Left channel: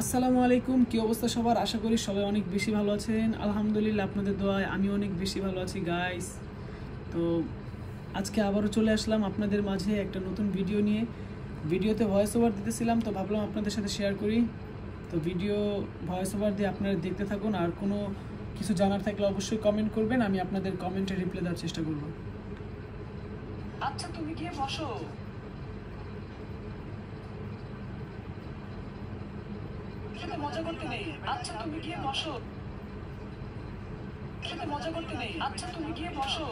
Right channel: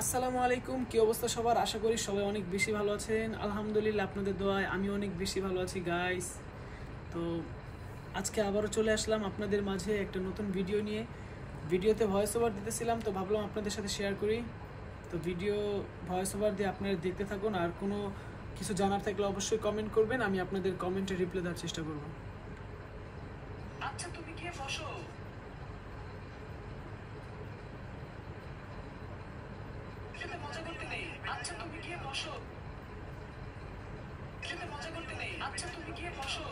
আসসালামু আলাইকুম, কি অবস্থা সবার? আশা করি সবাই অনেক বেশি ভালো আছেন। আলহামদুলিল্লাহ, আপনাদের দোয়ায় আমি অনেক বেশি ভালো আছি গাইস। তো আজকে আবারও চলে আসলাম আপনাদের মাঝে একটা নতুন ভিডিও নিয়ে। ভিডিওতে ভয়েস ওভার দিতেছিলাম, তো ভাবলাম আপনাদের সাথে শেয়ার করি। তো ভিডিও ভয়েস ওভার দিয়ে আপনারা দেখতে থাকুন, আর কোনো কিছু জানার থাকলে অবশ্যই কমেন্ট করবেন, আমি আপনাদের কমেন্টে রিপ্লাই দেওয়ার চেষ্টা করব। আচ্ছা, তুমি গিয়ে বসো। মজা করতে নেই। আচ্ছা, তুমি গিয়ে বসো। মজা করতে নেই। আচ্ছা, তুমি গিয়ে বসো।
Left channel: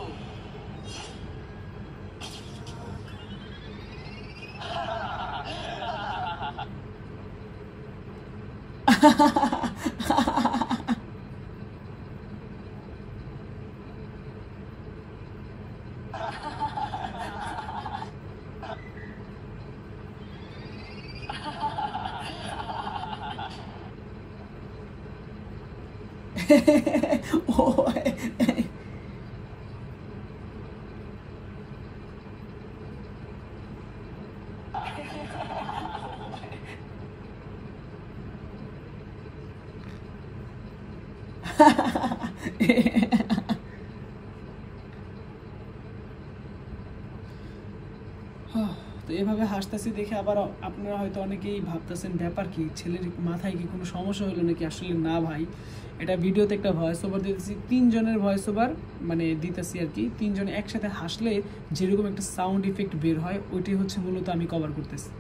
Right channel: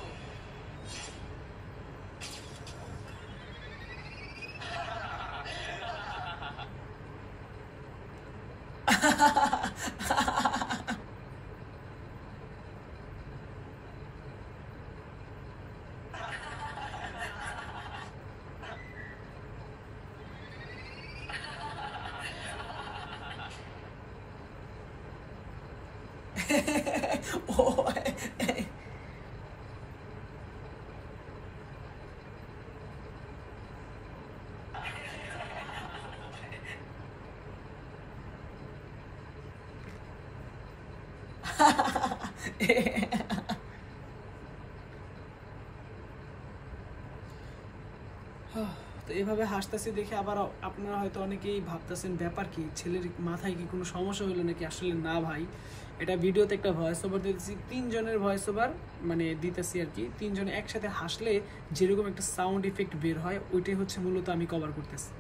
ও তো এভাবে হাসতেছি দেখে আবার আপনারা হয়তো অনেকেই ভাবতেছেন ব্যাপার কি, ছেলের মাথায় কি কোনো সমস্যা হলো নাকি? আসলে না ভাই, এটা ভিডিওতে একটা ভয়েস ওভার দিতেছি, তিনজনের ভয়েস ওভার মানে দিতেছি আর কি। তিনজনে একসাথে হাসলে যেরকম একটা সাউন্ড ইফেক্ট বের হয়, ওইটাই হচ্ছে মূলত আমি কভার করতেছি।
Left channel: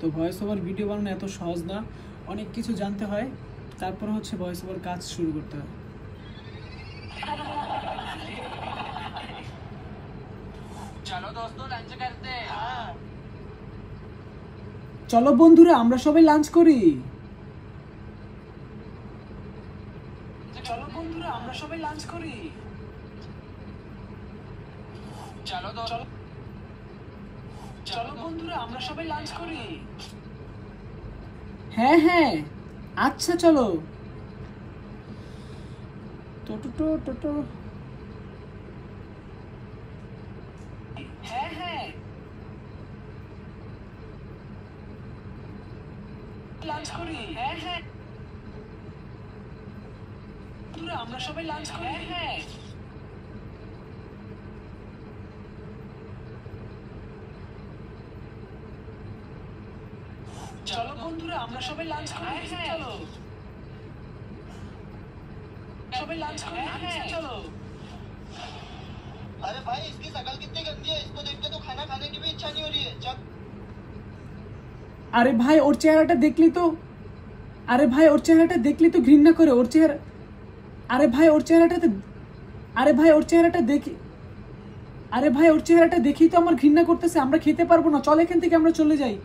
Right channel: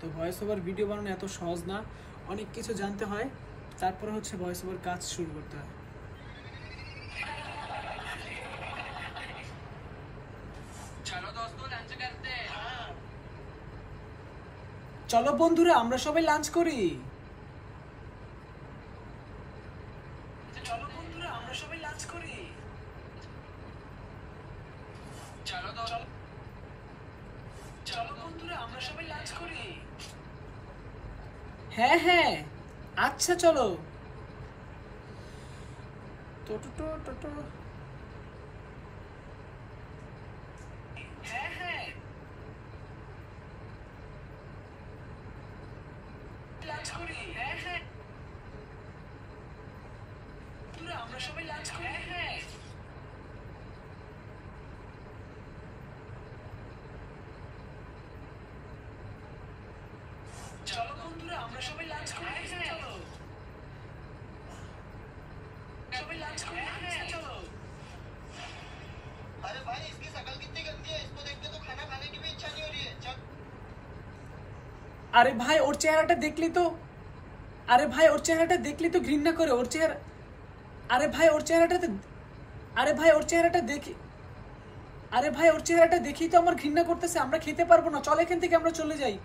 তো ভয়েস ওভার ভিডিও বানানো এত সহজ না, অনেক কিছু জানতে হয়, তারপরে হচ্ছে ভয়েস ওভার কাজ শুরু করতে হয়। চলো বন্ধুরা, আমরা সবাই লাঞ্চ করি। চলো বন্ধুরা, আমরা সবাই লাঞ্চ করি। চলো বন্ধুরা, আমরা সবাই লাঞ্চ করি। হ্যাঁ হ্যাঁ, আচ্ছা চলো। টোটো টোটো। হ্যাঁ হ্যাঁ, লাঞ্চ করি। হ্যাঁ হ্যাঁ, আমরা সবাই লাঞ্চ করি। হ্যাঁ হ্যাঁ, চলো বন্ধুরা, আমরা সবাই লাঞ্চ করি। চলো সবাই লাঞ্চ করি। হ্যাঁ চলো। अरे भाई, इसकी शक्ल कितनी गंदी है, इसको देख के तो खाना खाने की भी इच्छा नहीं हो रही है। चल। আরে ভাই, ওর চেহারাটা দেখলি তো, আরে ভাই ওর চেহারাটা দেখলি তো ঘৃণা করে ওর চেহারা। আরে ভাই ওর চেহারাটা, আরে ভাই ওর চেহারাটা দেখি, আরে ভাই ওর চেহারাটা দেখি তো আমার ঘৃণা করতেছে। আমরা খেতে পারবো না, চল এখান থেকে আমরা চলে যাই।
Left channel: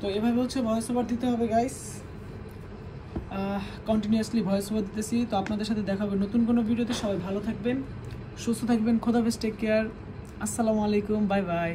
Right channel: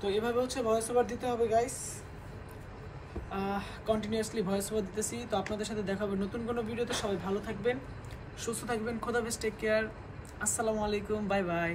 তো এভাবে হচ্ছে ভয়েস ওভার দিতে হবে গাইস, কন্টিনিউয়াসলি ভয়েস ওভার দিতেছি। তো আপনাদের সাথে দেখা হবে নতুন কোনো ভিডিওতে। সবাই ভালো থাকবেন, সুস্থ থাকবেন, খোদা হাফেজ, টেক কেয়ার, আসসালামু আলাইকুম, বাই বাই।